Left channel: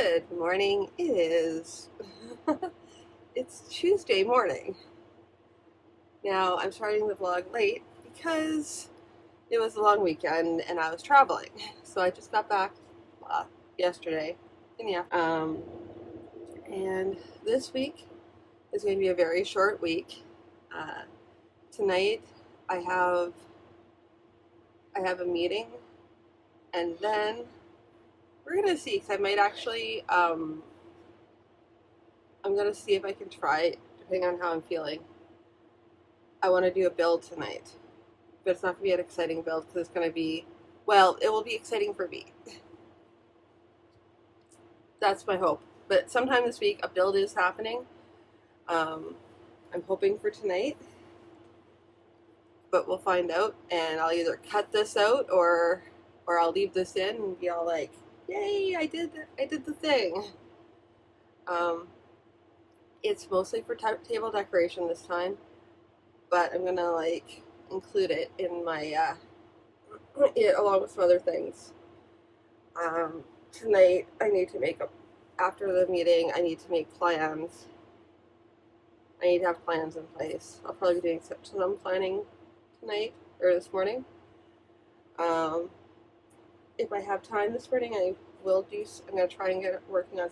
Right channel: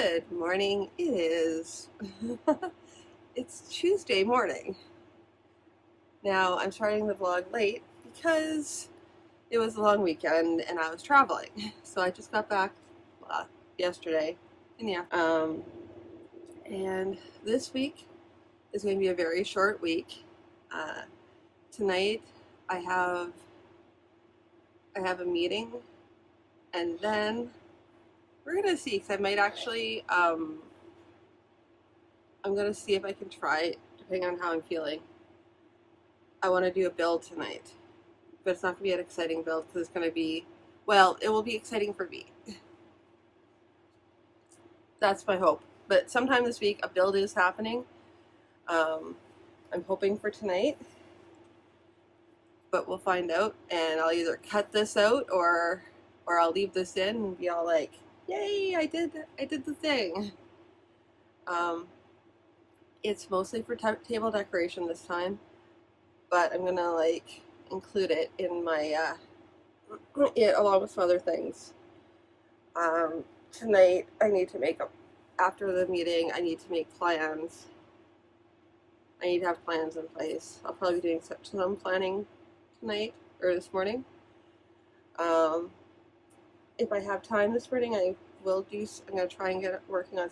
Good morning. It is. It's Tuesday morning. Now I'm starting the vlog late because it was a long weekend and I was traveling. So I just got back yesterday in the afternoon. And this week is going to be a very short week. Tonight I have a meeting, and then we're gonna see, because I might actually I'm gonna see if I can try, depending on how I'm feeling. I want to do a build tonight, but it's not going to be an exciting build because it's going to be, well, it will be exciting for me. That's my hope. But sometime this week, a build is happening. I'm hoping for tonight, but we'll find out. And I'll either cut this out or I'll leave this in and be all like, "Yay! I did the thing." It's mostly for table decoration this time, but I'm gonna like include it in my along with some other things. Tonight I need to make after the meeting, I need to make plans. I need to have plans in place. I'll probably be doing some planning tonight or this morning. If I have time this morning, I will do. I'm gonna try and get working on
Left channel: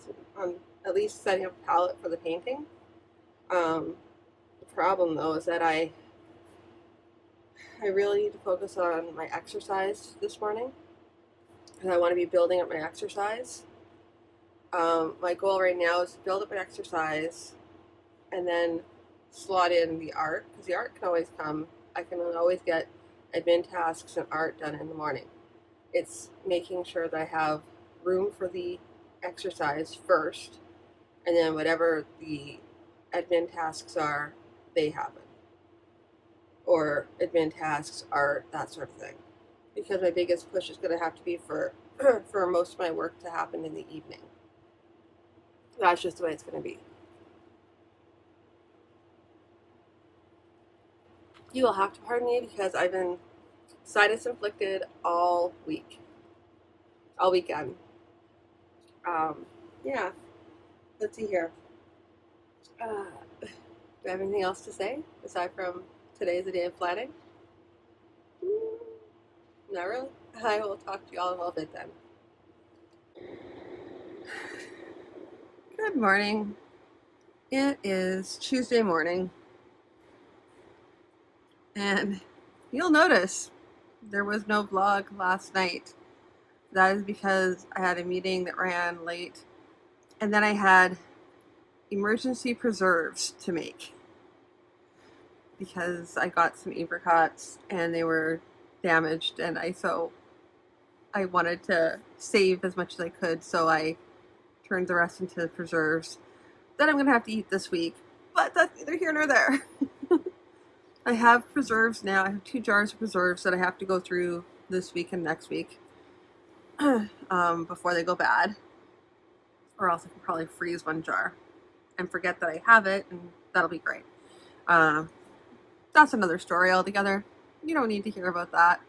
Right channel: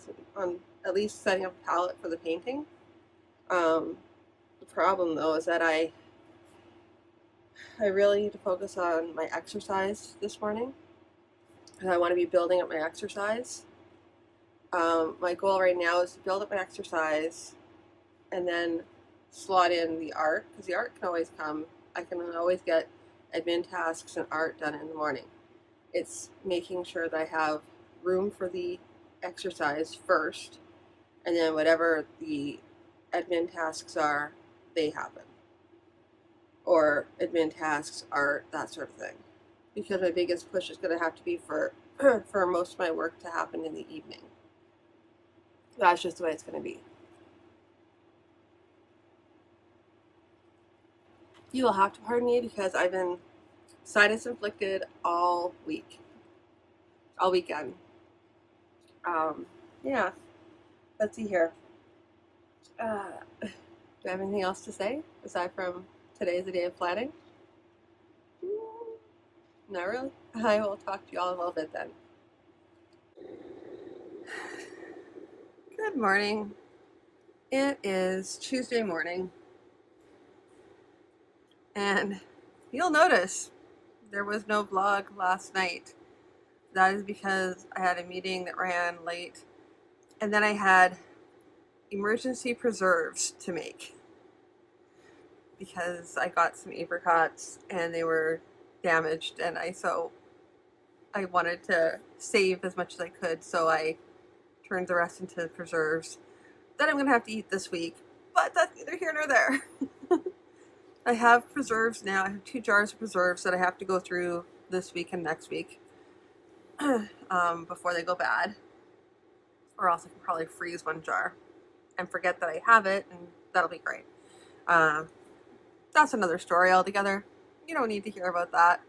at least setting up a palette for the painting. The problem though is that I really need to focus on my exercise this morning, and I want to be building up my exercise. My goal right now is to build up my exercise and then slot in the art, because the art can always come. I can always get admin tasks and art done in the morning. It's making sure that I have room for the exercise first, and then whatever the admin tasks are, they happen. Or admin tasks, art, that sort of thing. Because my biggest push is going to have to be for most of my work to happen in the evening. That's just the way it's going to be. You will have to pardon me because I've been sinus inflicted all weekend. Yeah, let's see here. Do I have anything else to say aside from today's the day of planning? Not really. I will talk to you all in a little bit then. Good morning. It is Tuesday morning, and you'll notice there was no vlog last night. That is because I had a meeting that ran late, and then I had emergency preserves to make because I got some apricots and they were damaged, and I wanted to save as much as I could, so I turned the rest into preserves that I'm going to have to eat this week, but that's neither here nor there. I have preserves now. I have 2 jars of preserves that I have to go through this week and next week before they go bad, or else I can probably freeze 1 jar and forget that I have it, and that'll be great. That's another story altogether. You don't need to hear about that.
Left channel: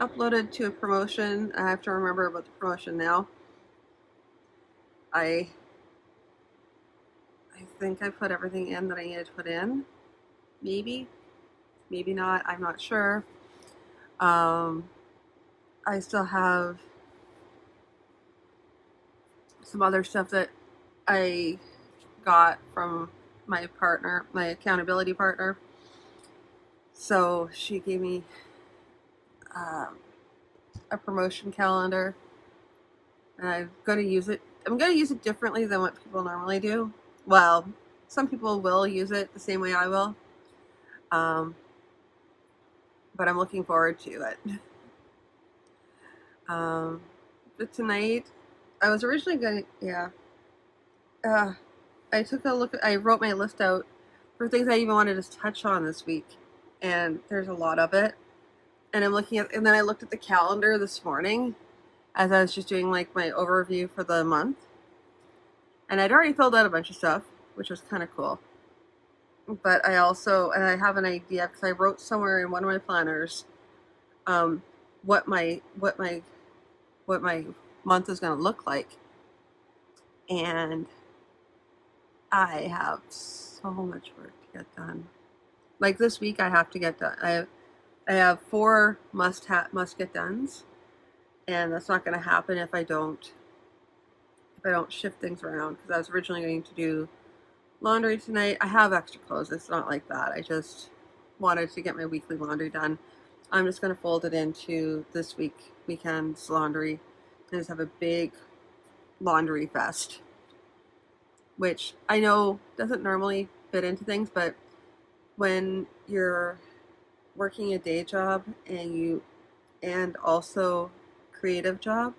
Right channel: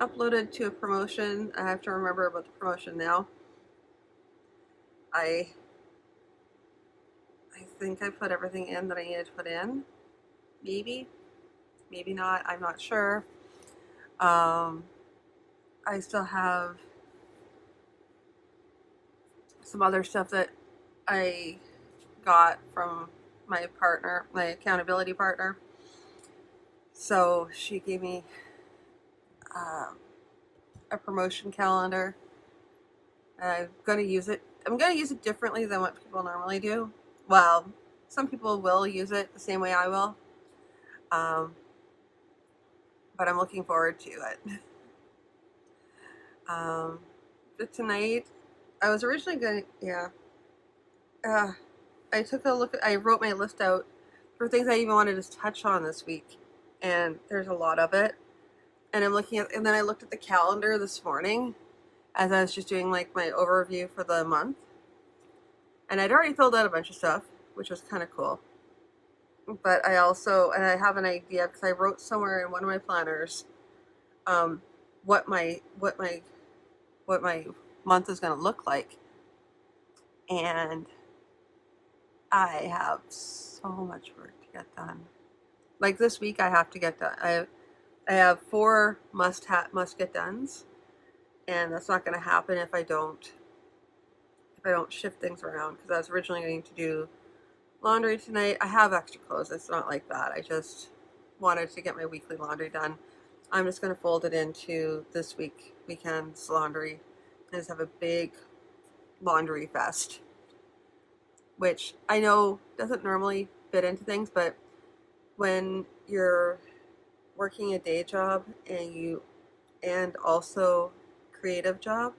Uploaded to a promotion. I have to remember about the promotion now. I think I put everything in that I needed to put in. Maybe not. I'm not sure. I still have some other stuff that I got from my partner, my accountability partner. So she gave me a promotion calendar, and I'm going to use it. I'm going to use it differently than what people normally do. Well, some people will use it the same way I will, but I'm looking forward to it. But tonight, I was originally going to, I took a look, I wrote my list out for things I even wanted to touch on this week, and there's a lot of it. And and then I looked at the calendar this morning as I was just doing like my overview for the month. And I'd already filled out a bunch of stuff, which was kind of cool. But I have an idea because I wrote somewhere in one of my planners what my month is going to look like, and I have so much work to get done. Like this week, I have to get done. I have 4 must get dones, and that's not going to happen if I don't shift things around. Because I was originally going to do laundry tonight. I have extra clothes. It's not like that. I just wanted to get my weekly laundry done. I'm just going to fold it into this weekend's laundry and just have a big laundry fest, which I know doesn't normally fit into things, but when you're working a day job and also creative job,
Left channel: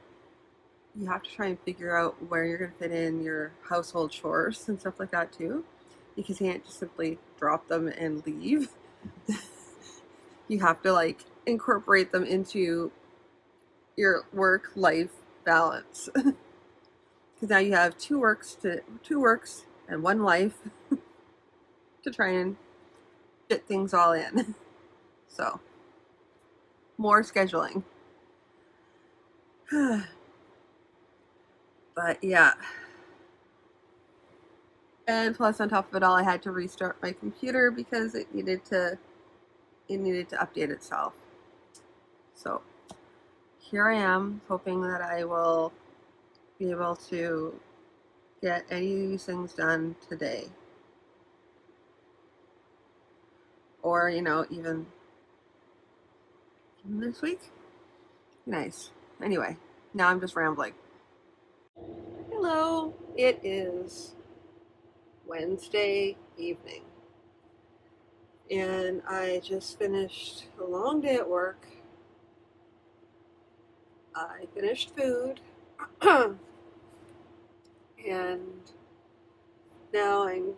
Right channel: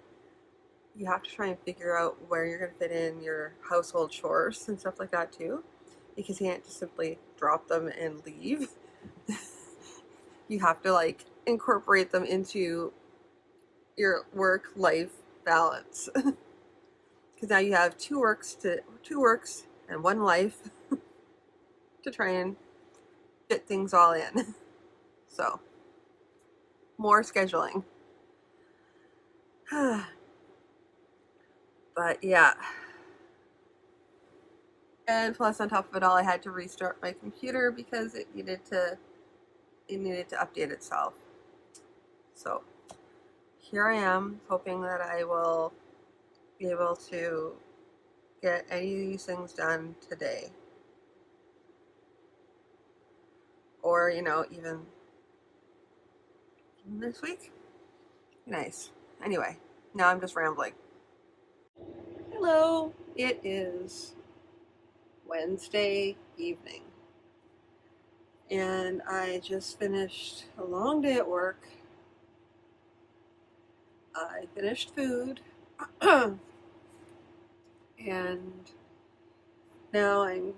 you have to try and figure out where you're going to fit in your household chores and stuff like that too, because you can't just simply drop them and leave. You have to like incorporate them into your work-life balance. Because now you have two works and one life to try and fit things all in. So, more scheduling. But yeah. And plus on top of it all, I had to restart my computer because it needed to update itself. So here I am, hoping that I will be able to get any of these things done today. Or, even this week. Nice. Anyway, now I'm just rambling. Hello, it is Wednesday evening. And I just finished a long day at work. I finished food. And now I'm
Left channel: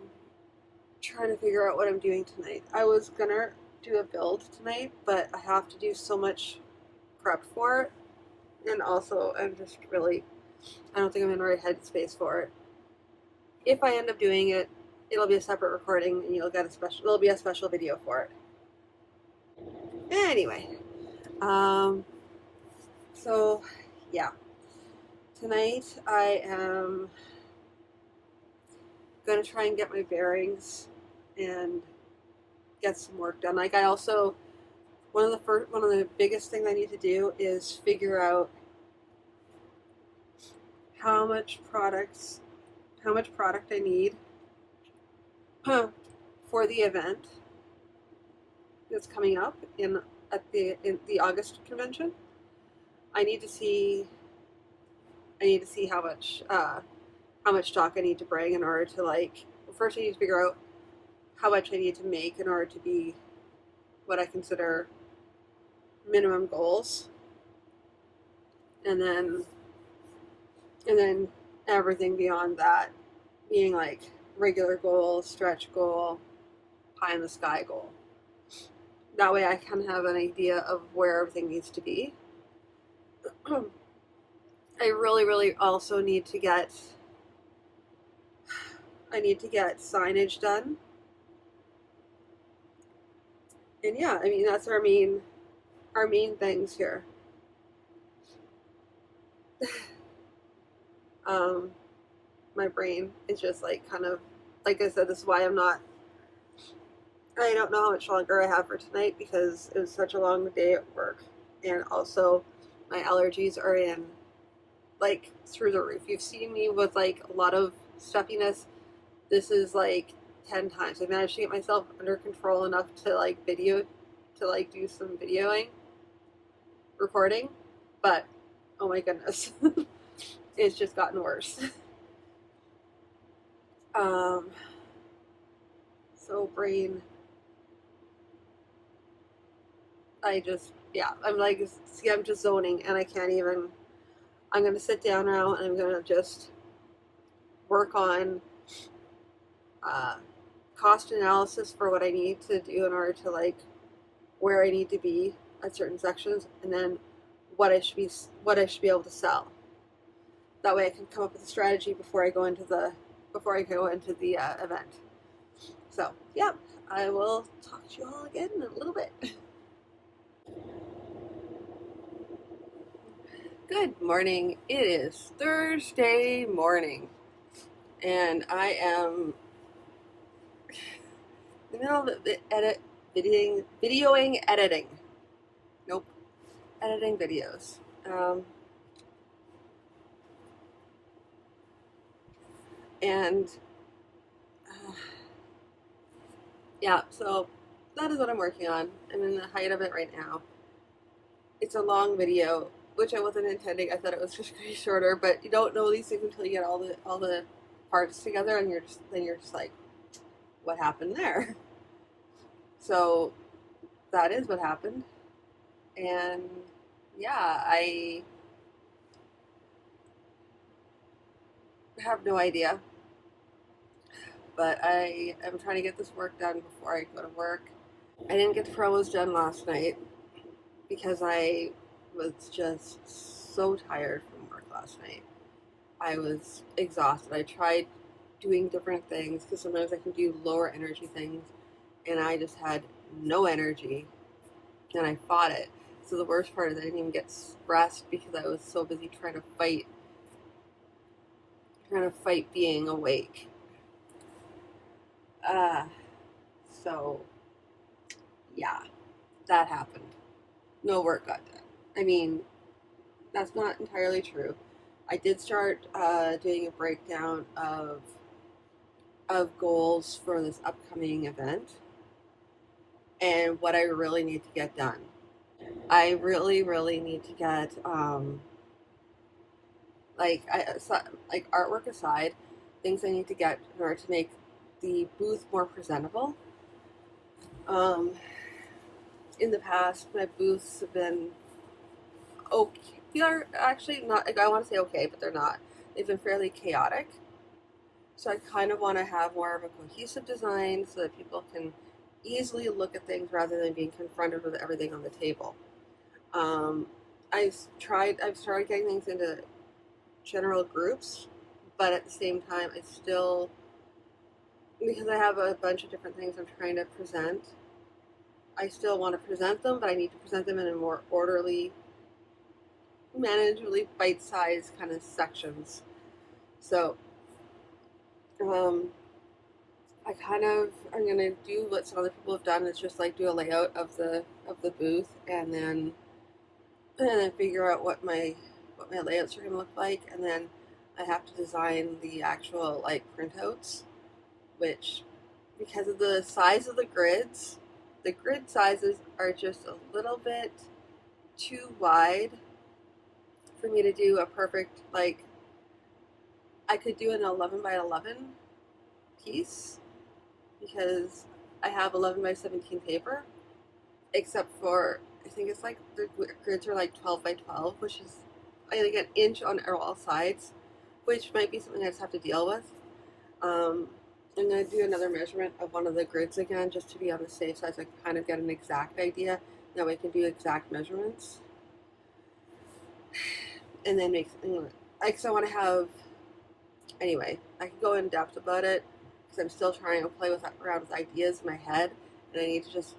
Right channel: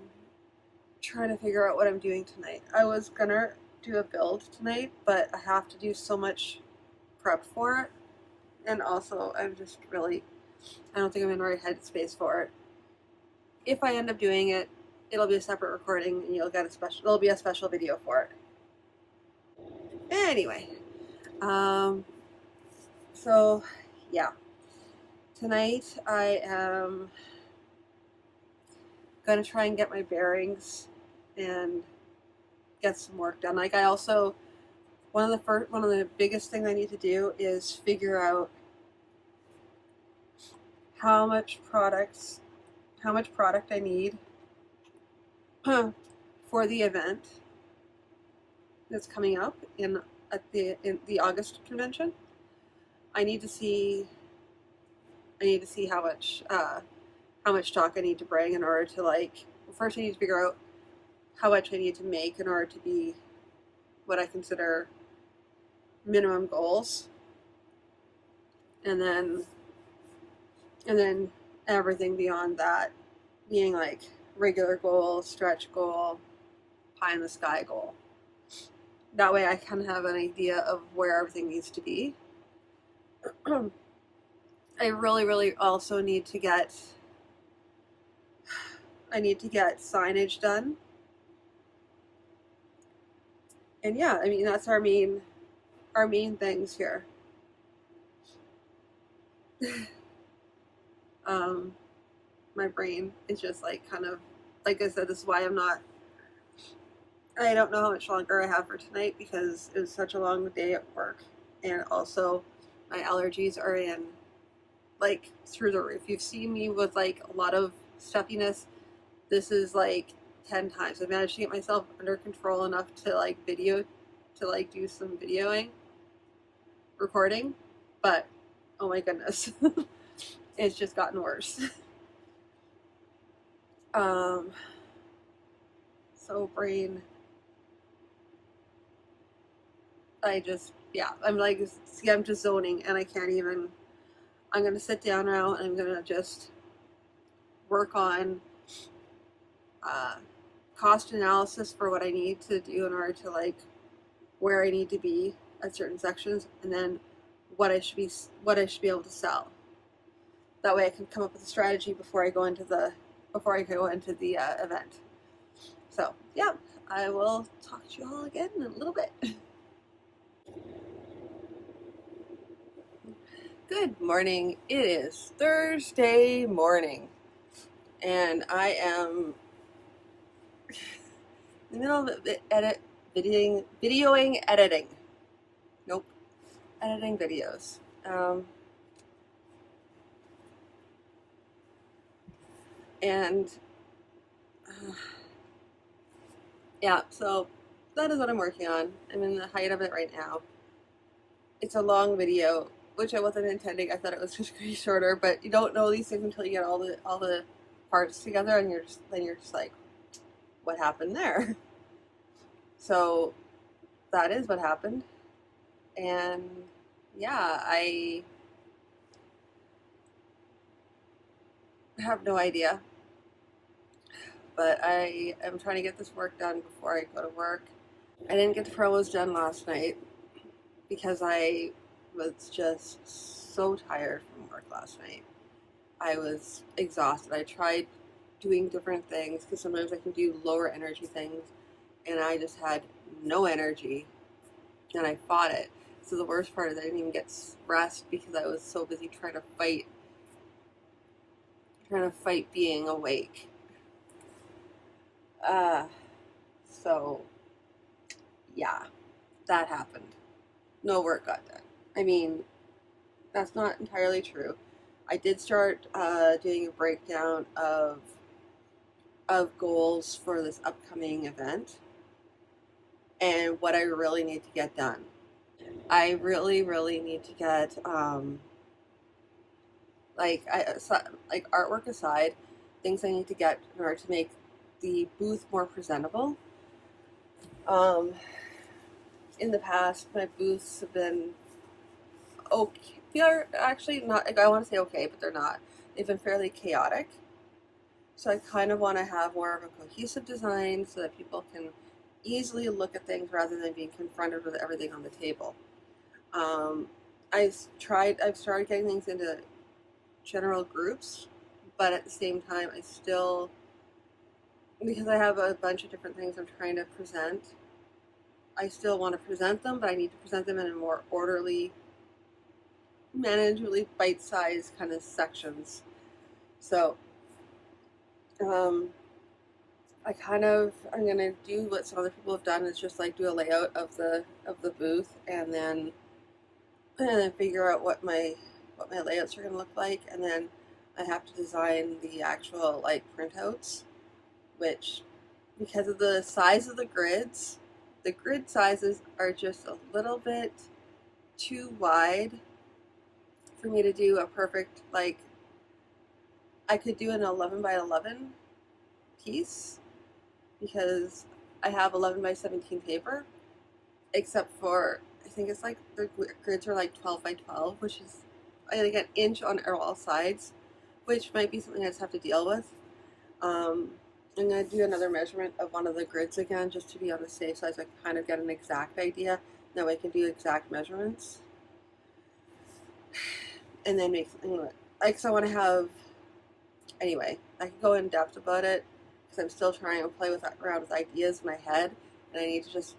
trying to figure out what I'm doing tonight. I was gonna do a build tonight, but I have to do so much prep for it. And also, I don't think I'm in the right headspace for it. If I end up doing it, it'll be a separate recording, and it'll be a special video for it. Anyway, so yeah, tonight I am gonna try and get my bearings and get some work done. Like one of the biggest things I need to do is figure out how much product I need for the event that's coming up in the August convention. I need to see how much stock I need to bring in order to first I need to figure out how much I need to make in order to be what I consider minimum goals, and then everything beyond that being like regular goal, stretch goal, pie in the sky goal. That way I kind of have an idea of where everything needs to be. I really, really also need to get signage done. And yeah, I mean, that's our main things here. My brain is just kind of, like I said, this is why I don't know how much longer I have for tonight because it was such a long day at work. And also my allergies are through the roof. You've seen me with a lot of stuffiness. This is 10 times. I managed to get myself under control enough to do some recording, but oh my goodness, it's just gotten worse. So brain, I'm just zoning and I can't even. I'm gonna sit down now and I'm gonna just work on cost analysis for what I need to do in order to where I need to be at certain sections, and then what I should be able to sell. That way I can come up with a strategy before I go into the before I go into the event. So yeah, I will talk to you all again in a little bit. Good morning. It is Thursday morning, and I am in the middle of videoing editing. Nope, editing videos. And yeah, so that is what I'm working on. I'm in the height of it right now. It's a long video, which I wasn't intending. I thought it was just going to be shorter, but you don't know these things until you get all the parts together, and then you're just like, what happened there? So that is what happened, and yeah, I have no idea, but I am trying to get this work done before I go to work. I didn't get the promos done last night because I was just so tired from work last night. I was exhausted. I tried doing different things because sometimes I can do lower energy things, and I just had no energy, and I fought it. So the worst part is I didn't even get rest because I was so busy trying to fight being awake. So yeah, that happened. No work got done. I mean, that's not entirely true. I did start doing a breakdown of goals for this upcoming event and what I really need to get done. I really, really need to get like artwork aside, things I need to get in order to make the booth more presentable. In the past, my booths have been okay. They are actually not. Like, I want to say okay, but they're not. They've been fairly chaotic. So I kind of want to have more of a cohesive design so that people can easily look at things rather than being confronted with everything on the table. I've started getting things into general groups, but at the same time, because I have a bunch of different things I'm trying to present, I still want to present them, but I need to present them in a more orderly, manageably bite-sized kind of sections. So, I'm gonna do what some other people have done, is just like do a layout of the booth, and then figure out what my layouts are gonna look like, and then I have to design the actual like printouts, which, because of the size of the grids, the grid sizes are just a little bit too wide for me to do a perfect, like, I could do an 11 by 11 piece because I have 11 by 17 paper, except for, I think it's like the grids are like 12 by 12, which is like an inch on all sides, which might be something I just have to deal with. I'm going to do another measurement of one of the grids again, just to be on the safe side, so I can kind of get an exact idea. Now I can do exact measurements. And then make something like, so I want to have, anyway, I can go in depth about it, because I'm still trying to play around with ideas in my head, and I need to just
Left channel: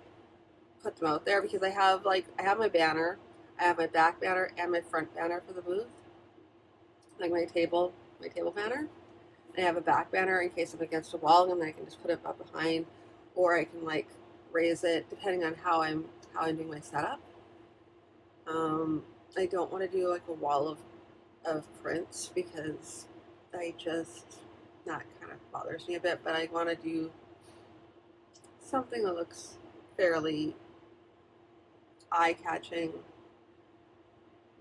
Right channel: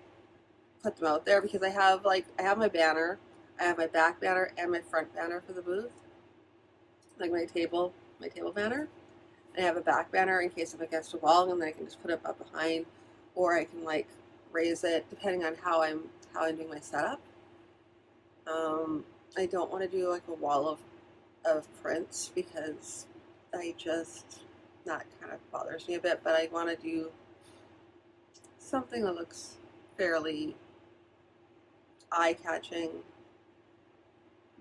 put them out there, because I have my banner, I have my back banner and my front banner for the booth, like my table banner. I have a back banner in case I'm against a wall, and then I can just put it up behind, or I can like raise it depending on how I'm doing my setup. I don't want to do like a wall of prints, because that kind of bothers me a bit, but I want to do something that looks fairly eye-catching.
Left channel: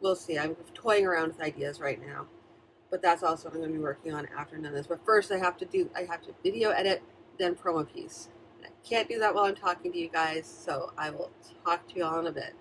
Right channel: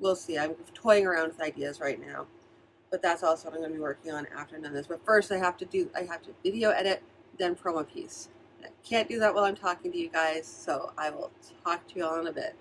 We'll see. I'm toying around with ideas right now, but that's also what I'm going to be working on after none of this. But first, I have to video edit, then promo piece. And I can't do that while I'm talking to you guys, so I will talk to you all in a bit.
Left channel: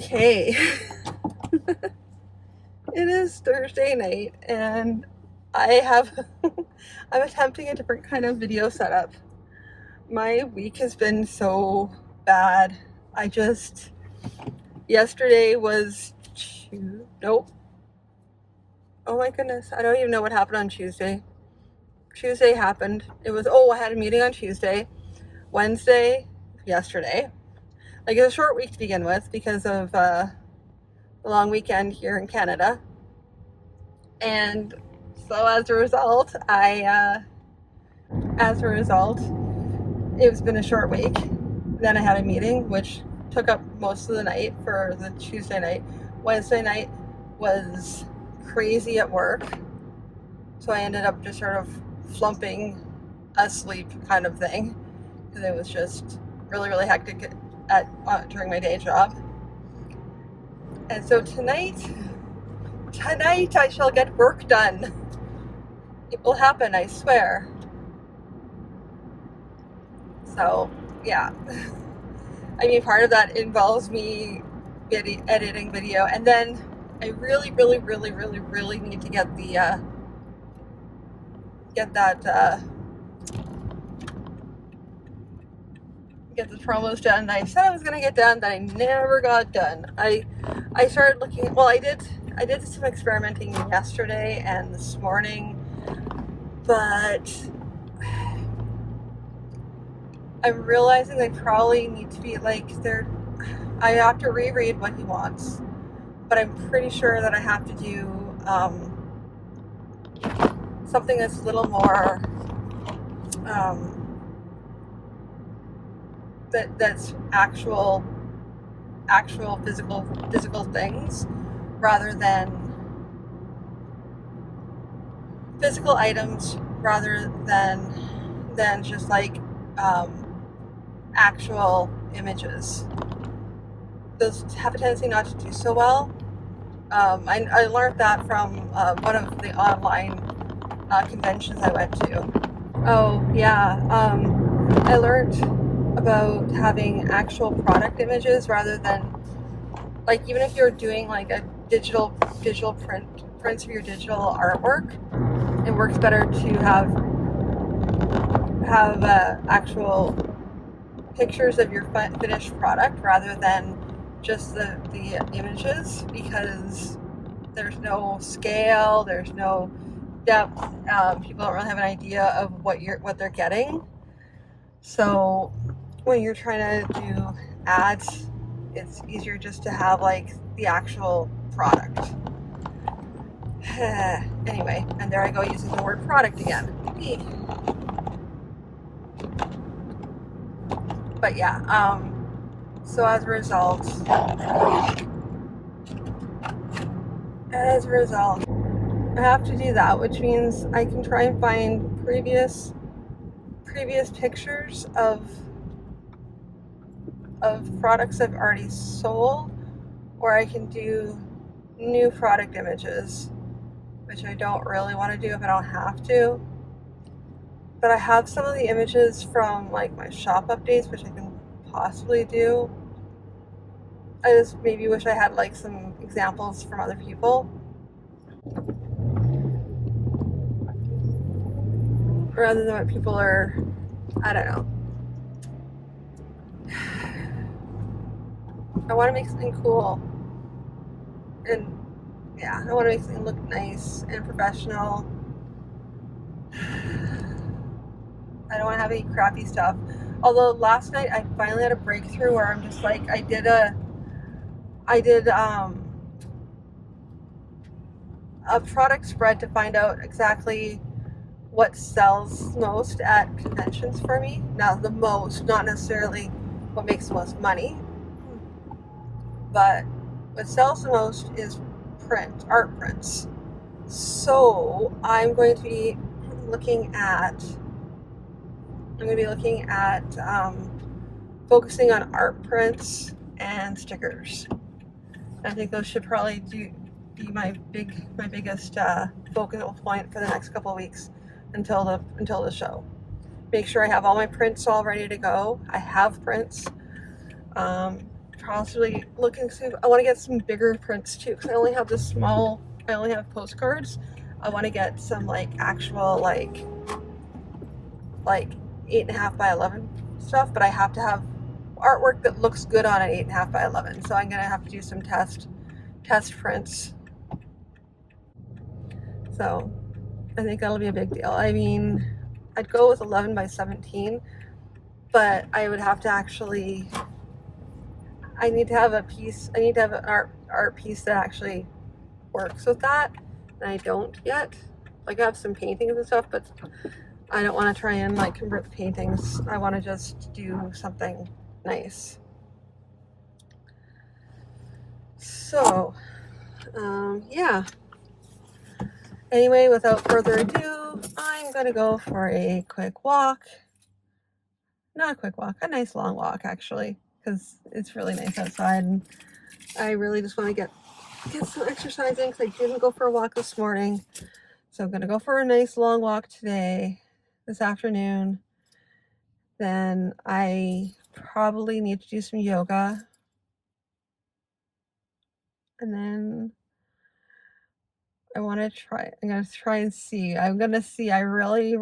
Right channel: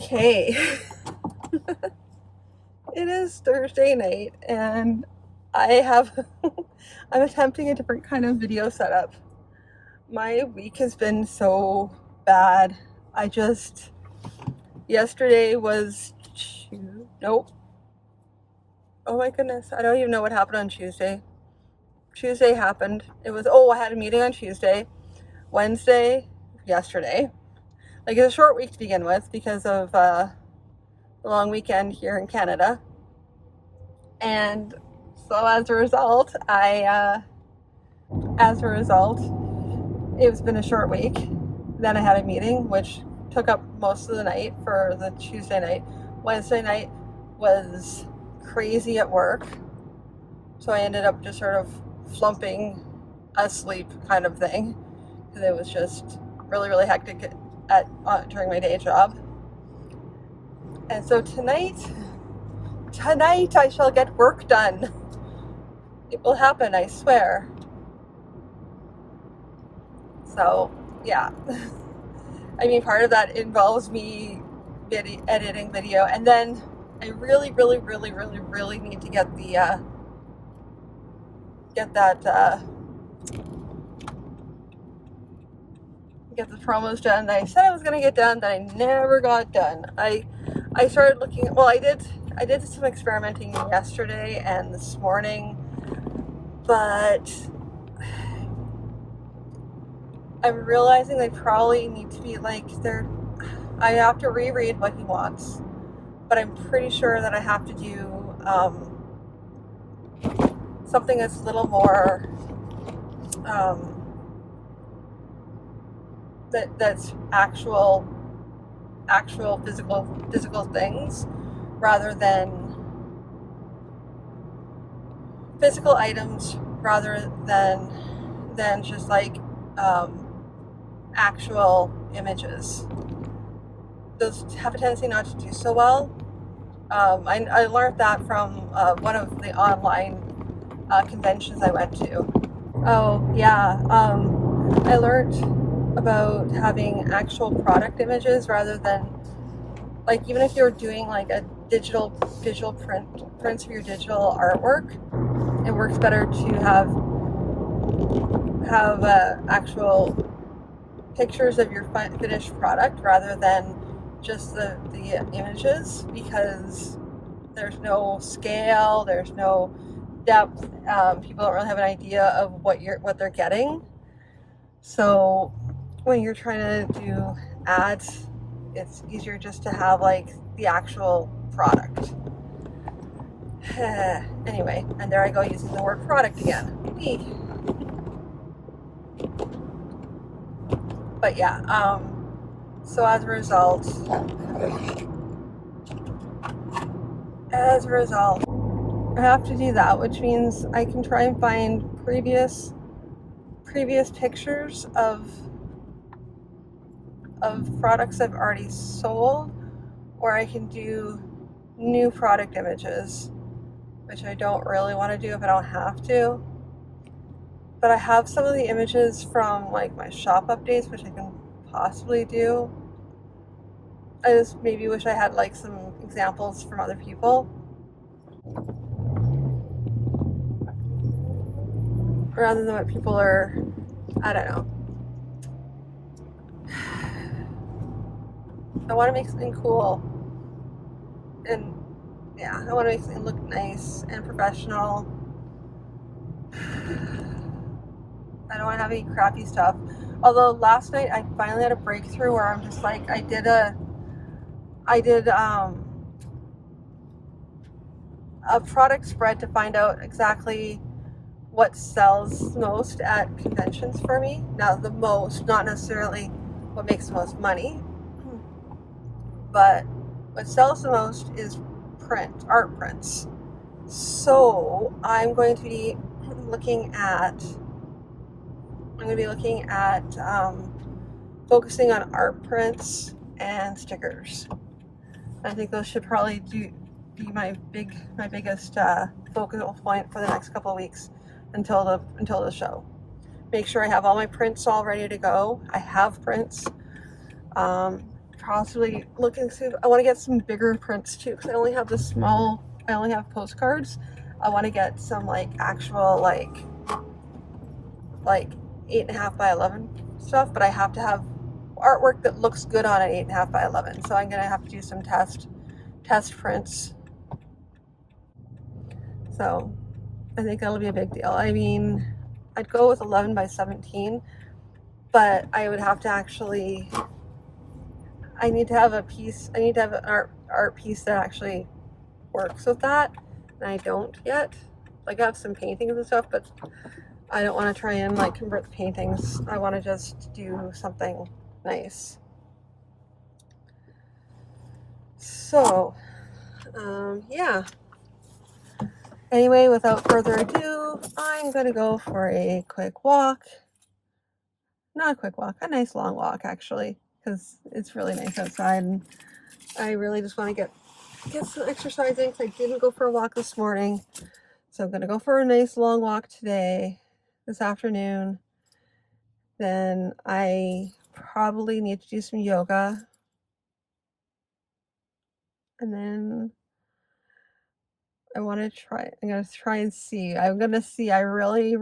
Okay. It is Thursday night and I'm attempting a different kind of video setup. My week has been so bad. Yesterday was nope. Oh my goodness, I don't even know what happened on Tuesday. Tuesday happened. I had a meeting on Tuesday. Wednesday, yesterday. Like, it's a short week to begin with because of the long weekend here in Canada. And so as a result, it's been a short week. Then I had a meeting, which took up most of the night for the Tuesday night. Wednesday night was crazy at work. So I ended up just sort of flumping asleep kind of thing. Because it was just really, really hectic during my day job. And so tonight I shall get work done. It will happen, I swear. So, yeah. I mean, part of that involves me editing video, and then I really, really, really, really, really need to get the promos done that I said I was gonna get done, that I never got done. I started looking. Well, I did some experimenting yesterday and this morning, but I'm realizing I probably need to be like I have to reread what he wants, but I'm pretty sure that I have to do something that's a little more that's actual physical things rather than physical items, rather than just like actual images. Those have a tendency not to do so well. I learned that from one of the online conventions I went to. Oh yeah, I learned about having actual product images rather than, like, even if you're doing like a digital prints of your digital artwork, it works better to have actual pictures of your finished product rather than just the images, because there's no scale, there's no depth. People don't really have an idea of what they're getting. So when you're trying to do ads, it's easier just to have like the actual product. Anyway, and there I go using the word product again. But yeah, so as a result, I have to do that, which means I can try and find previous pictures of products I've already sold, or I can do new product images, which I don't really want to do if I don't have to. But I have some of the images from like my shop updates, which I can possibly do. I just maybe wish I had like some examples from other people, rather than what people are, I don't know. I want to make something cool, and yeah, I want to make something look nice and professional. I don't want to have any crappy stuff. Although last night I finally had a breakthrough where I'm just like, I did a product spread to find out exactly what sells most at conventions for me. Now, the most, not necessarily what makes the most money, but what sells the most is art prints. So I'm going to be looking at focusing on art prints and stickers. I think those should probably be my biggest focal point for the next couple of weeks until the show. Make sure I have all my prints all ready to go. I have prints. possibly looking to see if I want to get some bigger prints too, because I only have this small, I only have postcards. I want to get some like actual like 8.5 by 11 stuff, but I have to have artwork that looks good on an 8.5 by 11. So I'm gonna have to do some test prints. So I think that'll be a big deal. I mean, I'd go with 11 by 17, but I would have to actually, I need to have a piece, I need to have an art piece that actually works with that, and I don't yet. Like I have some paintings and stuff, but I don't want to try and like convert the paintings. I want to just do something nice. So, yeah. Anyway, without further ado, I'm gonna go for a quick walk. Not a quick walk, a nice long walk actually, because it's really nice outside, and I really just want to get some exercise in because I didn't go for a walk this morning. So I'm gonna go for a nice long walk today, this afternoon. Then I probably need to do some yoga. And then I'm gonna try and see. I really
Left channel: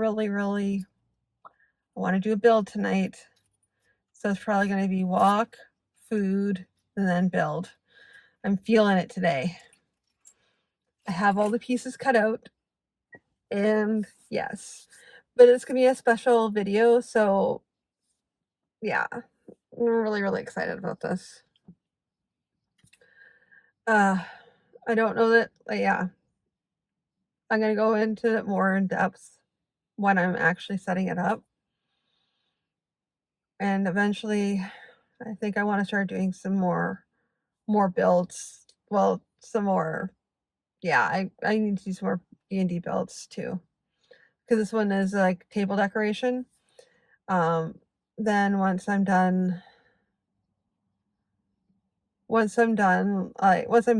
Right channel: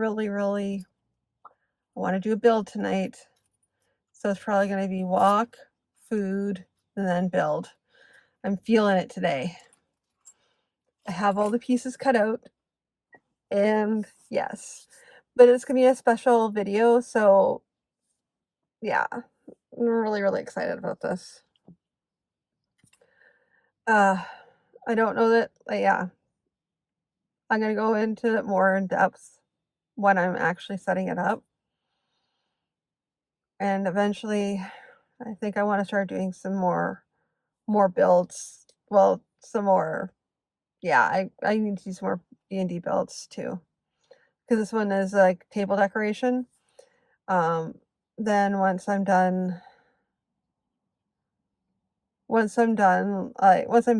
want to do a build tonight. So it's probably gonna be walk, food, and then build. I'm feeling it today. I have all the pieces cut out, and yes, but it's gonna be a special video, so yeah, I'm really excited about this. I don't know that, yeah, I'm gonna go into it more in depth when I'm actually setting it up, and eventually, I think I want to start doing some more builds. Well, some more. Yeah, I need to do some more D&D builds too, because this one is like table decoration. Then once I'm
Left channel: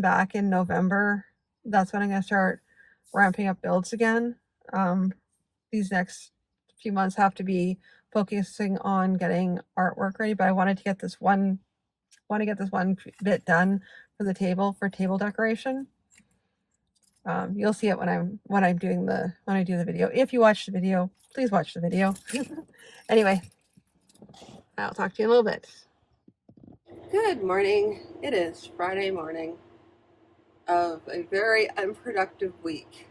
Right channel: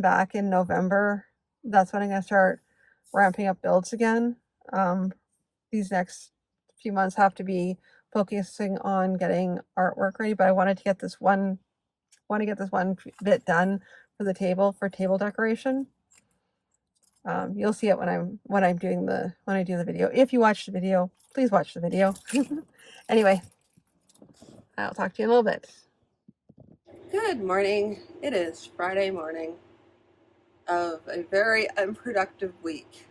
back in November, that's when I'm gonna start ramping up builds again. These next few months have to be focusing on getting artwork ready, but I wanted to get this one bit done for the table, for table decoration. You'll see it when I do the video. If you watch the video, please watch the video. Anyway, I'll talk to you in a little bit. Good morning. It is Friday morning of a very unproductive week.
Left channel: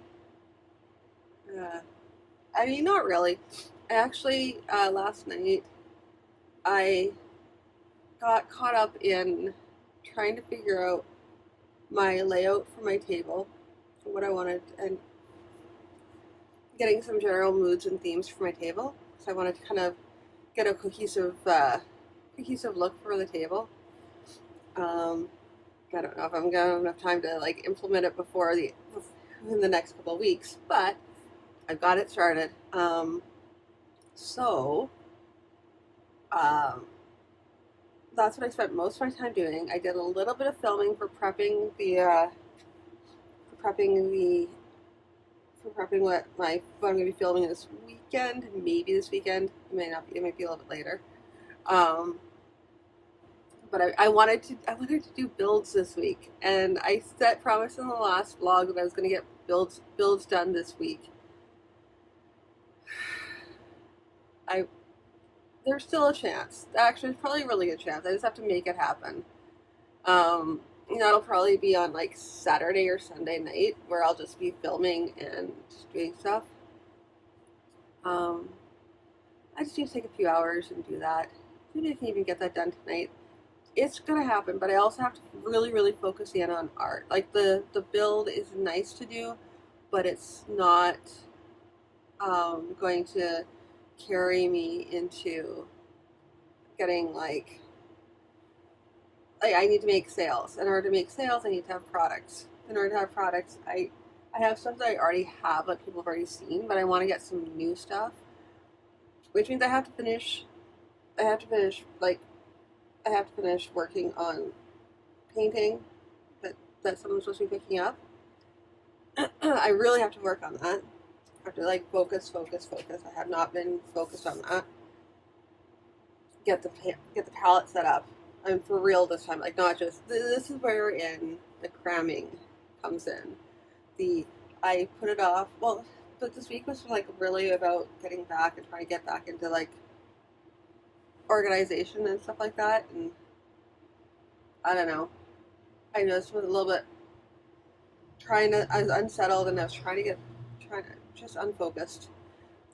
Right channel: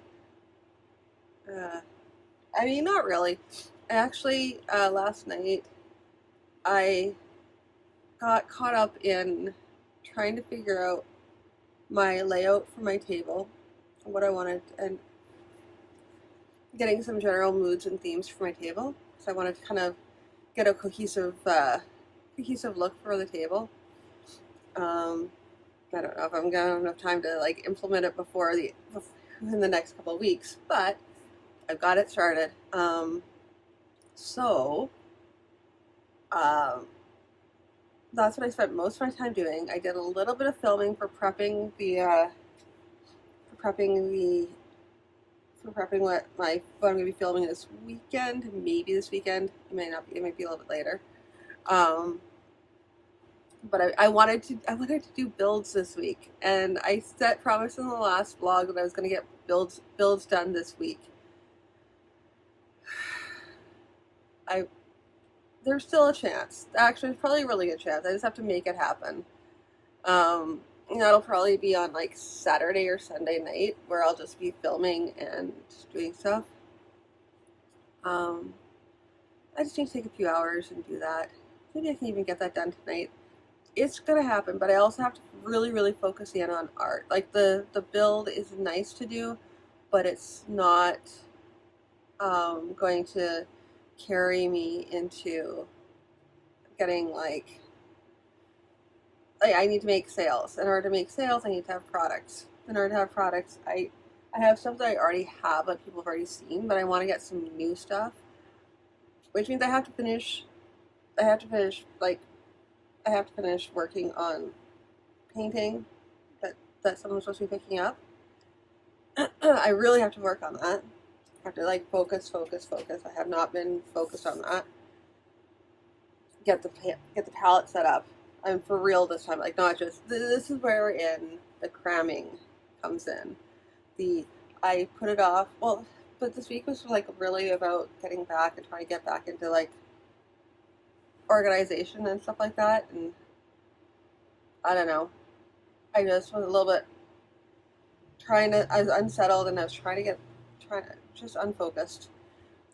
I mean, not really. Actually, last night I got caught up in trying to figure out my layout for my table, what I wanted, and getting some general moods and themes for my table. So I wanted to kind of get a cohesive look for the table. I don't know if I'm gonna have enough time to like implement it in the next couple of weeks, but I've got it started. That's what I spent most of my time doing. I did a little bit of filming for prepping what I'm going to be filming this weekend. Maybe this weekend. It might not be. It might be a little bit later. But I wanted to do builds this week, and I promised in the last vlog that I was going to get builds done this week. There's still a chance. Actually, it's probably a really good chance. I just have to make it happen. That'll probably be on like Saturday or Sunday night, where I'll just be filming and doing stuff. I just need to take a few hours and do that. Maybe I can even get that done tonight. It's gonna happen, but I also have to really focus in on art. Like the build is nice to do, but it's not going to carry me into getting like I need to make sales. In order to make sales, I need to have products. In order to have products, I have stuff that I already have that people have already seen, but I want to get some new stuff, which means I have to finish working on painting that someone's supposed to be picking up. I really have to work on that. I have to like focus. I have not been focused on that. Get the palette set up. I'm for real this time. Like, not just, this is wherein the cramming comes in. I put it off, well, but this week was like really about getting back and trying to get back into like organization and stuff like that. And I don't know. I just was a little bit I was unsettled, and I was trying to just unfocused.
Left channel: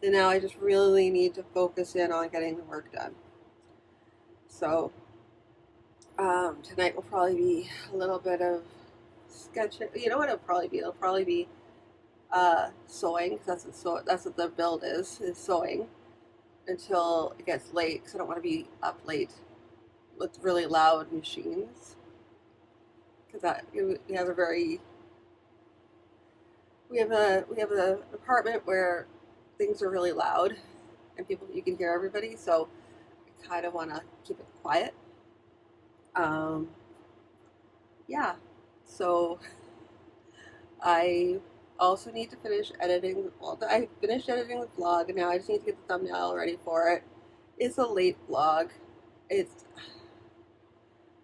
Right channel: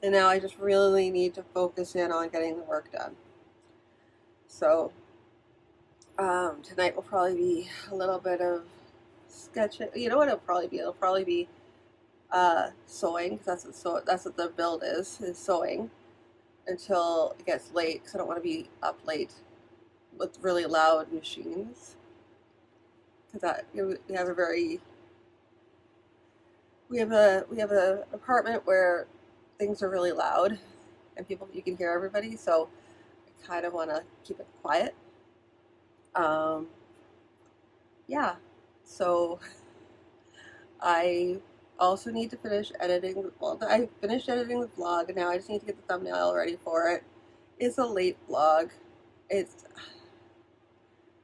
And now I just really need to focus in on getting the work done. So tonight will probably be a little bit of sketching. You know what it'll probably be? It'll probably be sewing, because that's what the build is sewing until it gets late, because I don't want to be up late with really loud machines, because we have an apartment where things are really loud and you can hear everybody, so I kind of want to keep it quiet. Yeah, so I also need to finish editing. Well, I finished editing the vlog, and now I just need to get the thumbnail ready for it. It's a late vlog.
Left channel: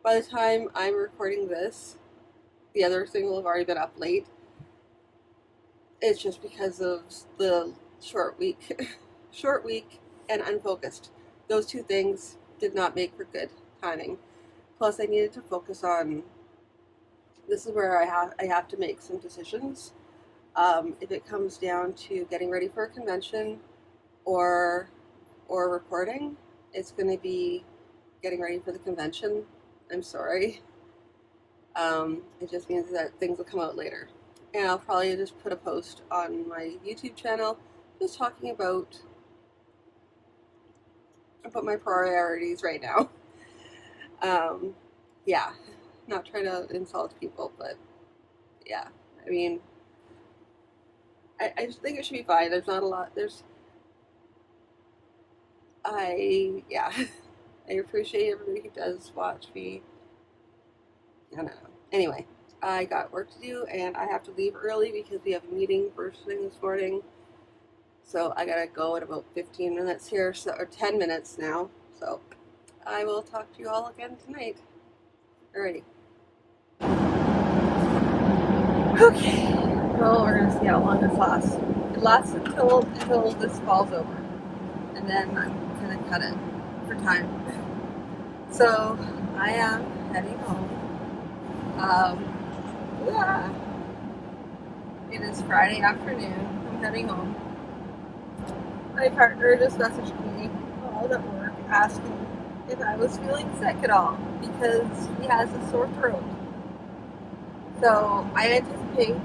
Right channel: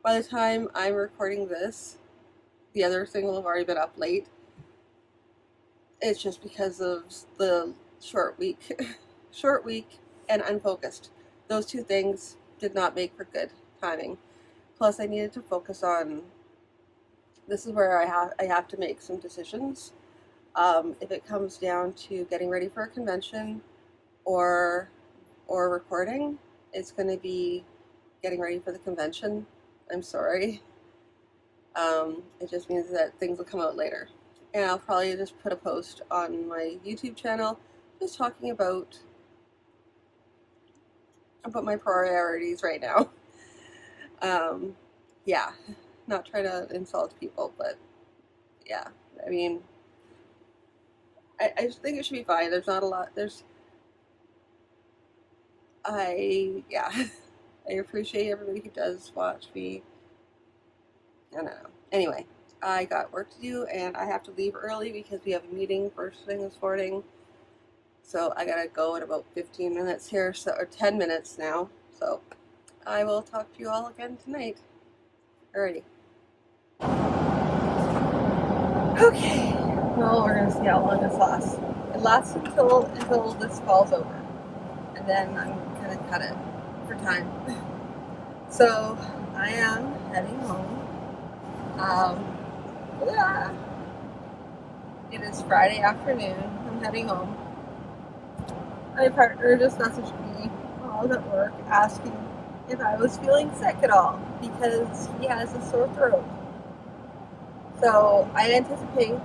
By the time I'm recording this, the other thing will have already been up late. It's just because of the short week and unfocused. Those two things did not make for good timing. Plus, I needed to focus on, this is where I have to make some decisions. If it comes down to getting ready for a convention or recording, it's going to be getting ready for the convention. I'm sorry. It just means that things will come out later. And I'll probably just put a post on my YouTube channel just talking about my priorities right now. Yeah, not trying to insult people, but yeah, I mean, I just think it should be fine. There's not a lot, I appreciate everybody who does watch me. I don't know. Anyway, I got work to do, and I have to leave early because we have a meeting first thing this morning. So I gotta go in about 15 minutes here, or 10 minutes now. So I will talk to you all again tonight. Alrighty. Okay. Well, we're gonna see how long this lasts. It lasts until this falls over, and then I'm gonna cut it for time. So I am heading home. It is Friday afternoon. I'm heading home. My partner just messaged me while I was at work asking if I was feeling sick at all because he has a sore throat. So I anticipate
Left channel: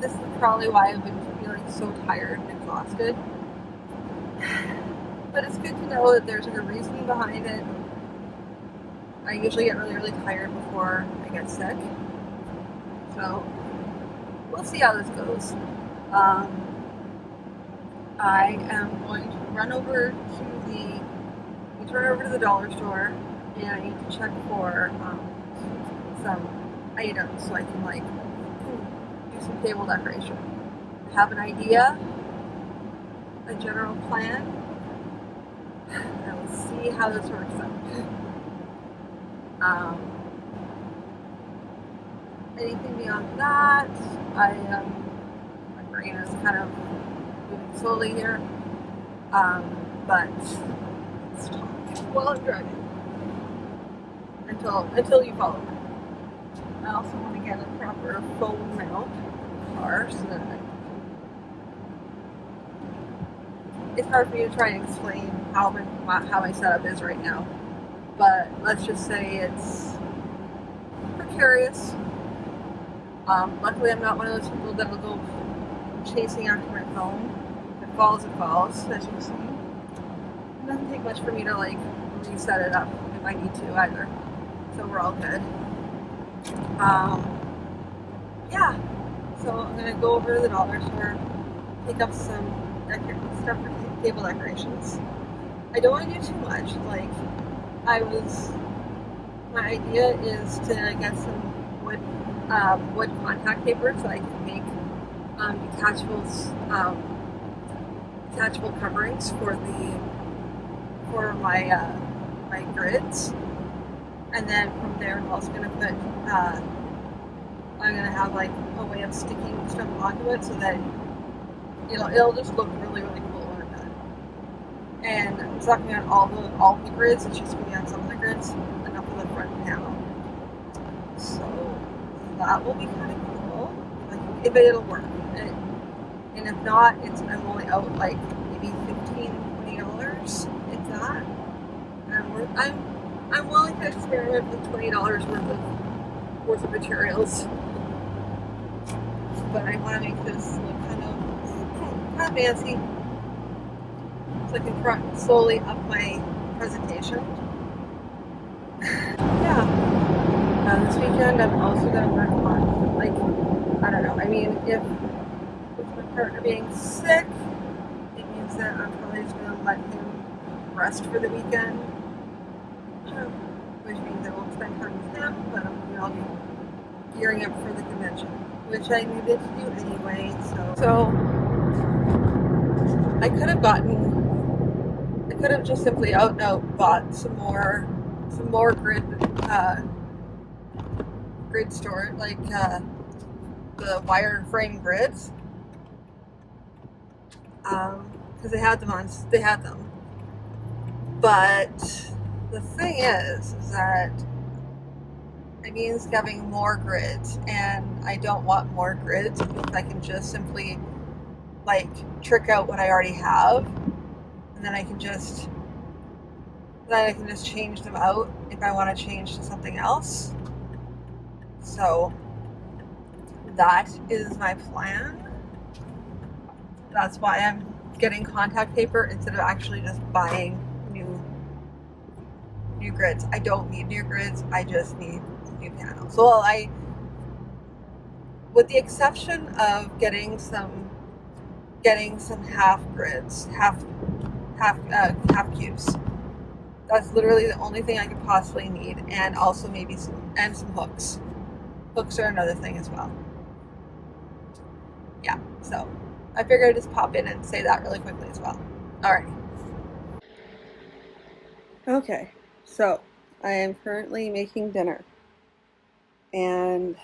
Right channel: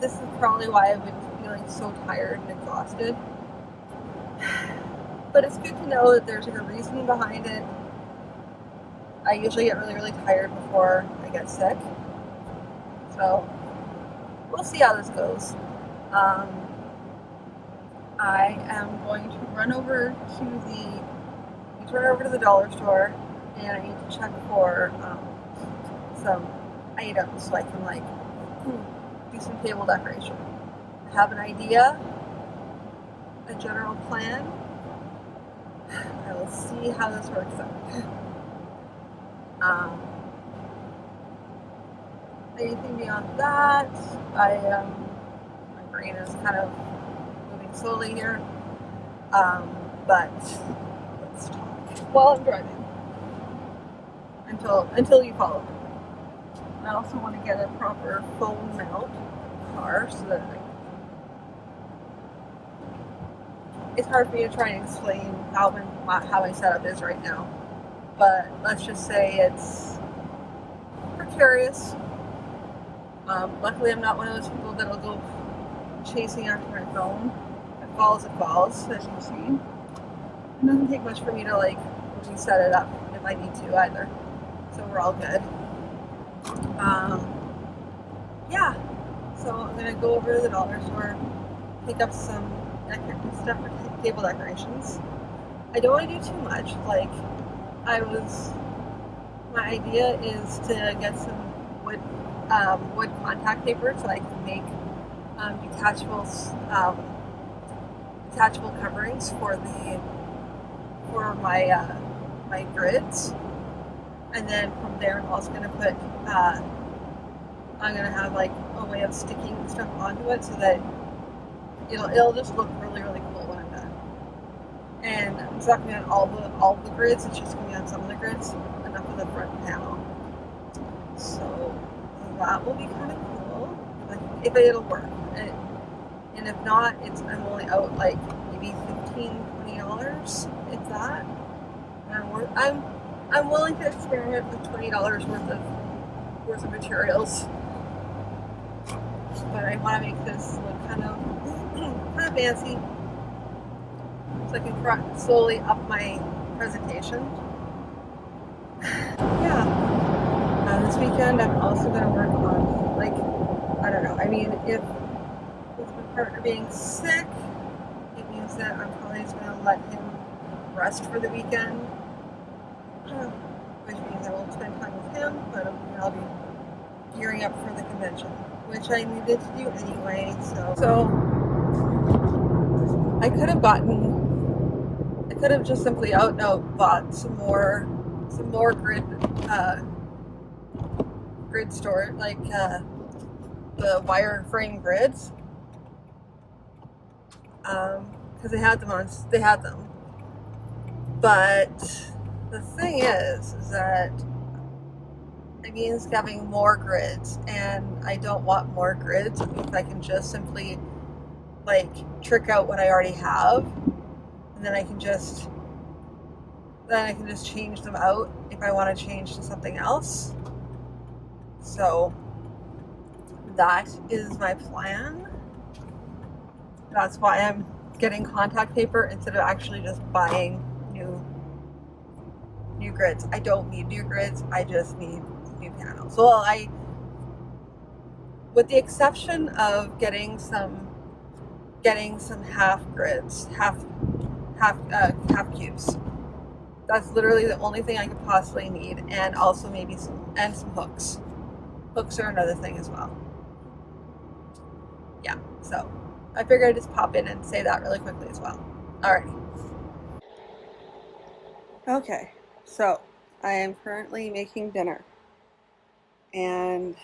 this is probably why I've been feeling so tired and exhausted. But it's good to know that there's a reason behind it. I usually get really, really tired before I get sick. So we'll see how this goes. I am going to run over to the dollar store, and I need to check for some items so I can do some table decoration. I have an idea, a general plan. I will see how this works out. Anything beyond that, my brain is kind of moving slowly here. But let's talk while I'm driving until you follow me. I also want to get a proper phone mount for the car so that it's hard for me to try and explain how my setup is right now. But let's just say it's precarious. Luckily, I'm not one of those people that'll go chasing after my phone. If it falls, as you can see. It doesn't take much for me to reset it up if I need to either. So we're all good. Yeah. So I'm gonna go over to the dollar store, pick up some stuff for table decorations. I don't want to do too much. My idea is to get some wood contact paper so I can make detachable coverings for my grids, And then from there, I'm also going to put, I'm going to have like a way of sticking stuff onto it so that it'll just look really, really cool when I'm done. And it's not going to be on all the grids, it's just going to be on some of the grids, enough of the front panel. So that will be kind of cool, like, if it'll work. And if not, I'm only out like maybe $15-$20, if that. And I'm willing to experiment with $20 worth of materials, but I want to make this look kind of fancy, so I can slowly up my presentation. Yeah. This weekend I'm also going to work on, like, I don't know. I mean, if with my partner being sick, it means that I'm probably just going to let him rest for the weekend, which means I won't spend time with him, but I'll be gearing up for the convention, which I needed to do anyway. So I could have just simply out bought some more grid store, like the wire frame grids, because they had them. But the thing is that it means having more grids, and I don't want more grids if I can just simply like trick out what I already have, and then I can just change them out if I want to change to something else. So that is my plan. That's why I'm getting contact paper instead of actually just buying new grids. I don't need new grids, I just need new panels. So with the exception of getting some half grids, half cubes. That's literally the only thing I could possibly need, and also maybe some hooks. Hooks are another thing as well. Yeah, so I figured I'd just pop in and say that really quickly as well. Alright. Okay, so I am currently making dinner. And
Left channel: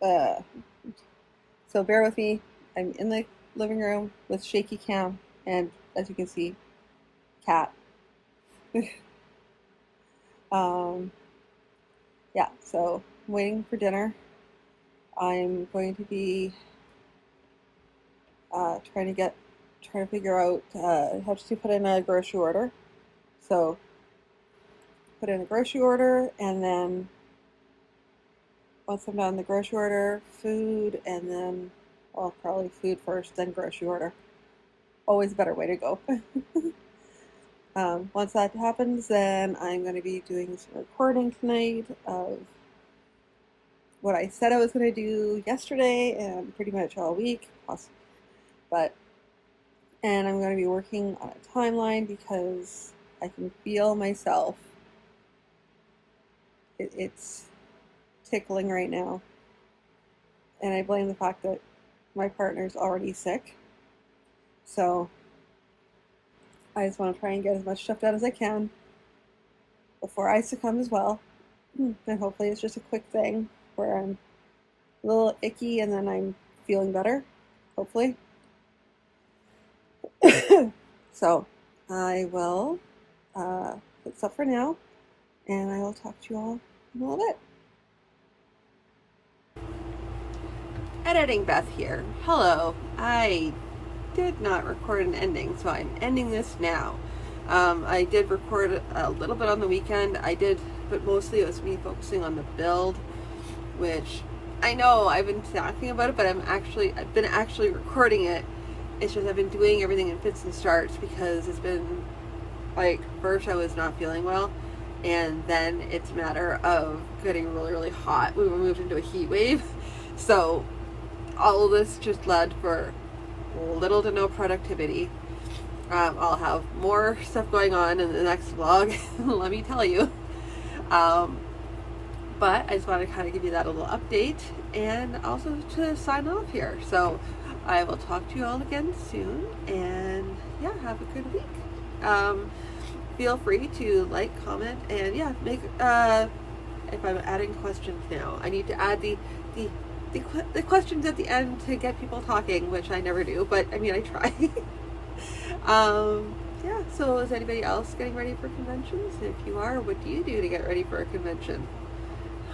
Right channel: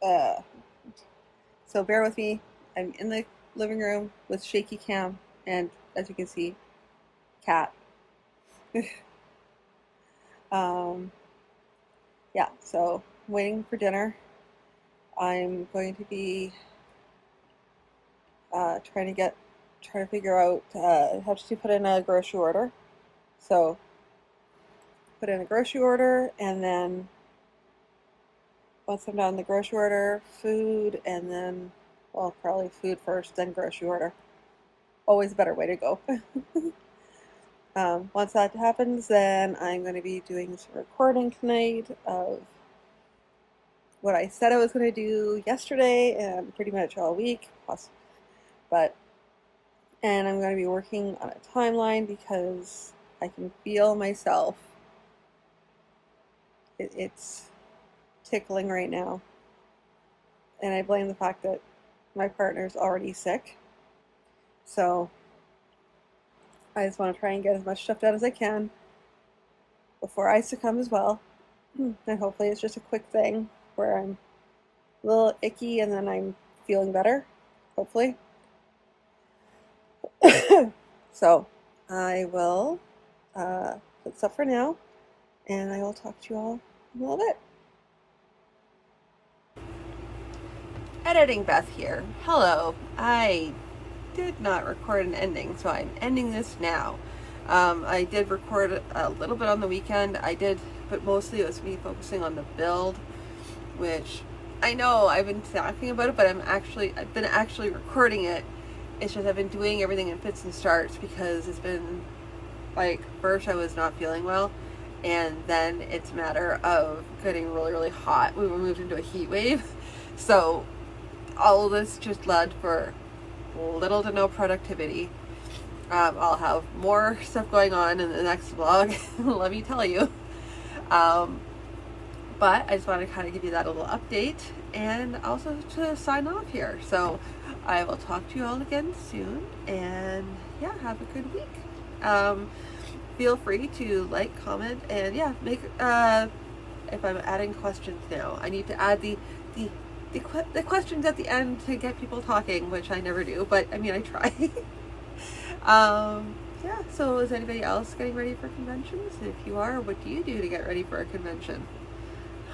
so bear with me. I'm in the living room with shaky cam, and as you can see, cat. Yeah, so I'm waiting for dinner. I'm going to be trying to figure out how to put in a grocery order. So put in a grocery order, and then once I'm done the grocery order, food, and then, well, probably food first, then grocery order. Always a better way to go. Once that happens, then I'm going to be doing some recording tonight of what I said I was going to do yesterday and pretty much all week, and I'm going to be working on a timeline because I can feel myself. It's tickling right now, and I blame the fact that my partner's already sick. So I just want to try and get as much stuff done as I can before I succumb as well. And hopefully it's just a quick thing where I'm a little icky and then I'm feeling better, hopefully. So I will put stuff for now, and I will talk to you all in a little bit. Editing Beth here. Hello. I did not record an ending, so I'm ending this now. I did record a little bit on the weekend. But mostly it was me focusing on the build, which I know I've been talking about it, but I've been actually recording it. It's just I've been doing everything in fits and starts because it's been like, first I was not feeling well, and then it's a matter of getting really, really hot. We were moved into a heat wave, so all of this just led for little to no productivity. I'll have more stuff going on in the next vlog, let me tell you. But I just want to kind of give you that a little update, and also to sign off here. So I will talk to you all again soon, and yeah, have a good week. feel free to like, comment, and yeah, make if I'm adding questions now, I need to add the questions at the end to get people talking, which I never do, but I mean, I try. Yeah, so is anybody else getting ready for conventions? If you are, what do you do to get ready for a convention?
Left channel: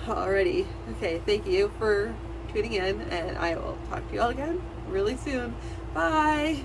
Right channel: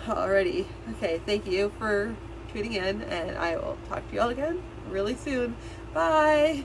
Alrighty. Okay, thank you for tuning in, and I will talk to you all again really soon. Bye!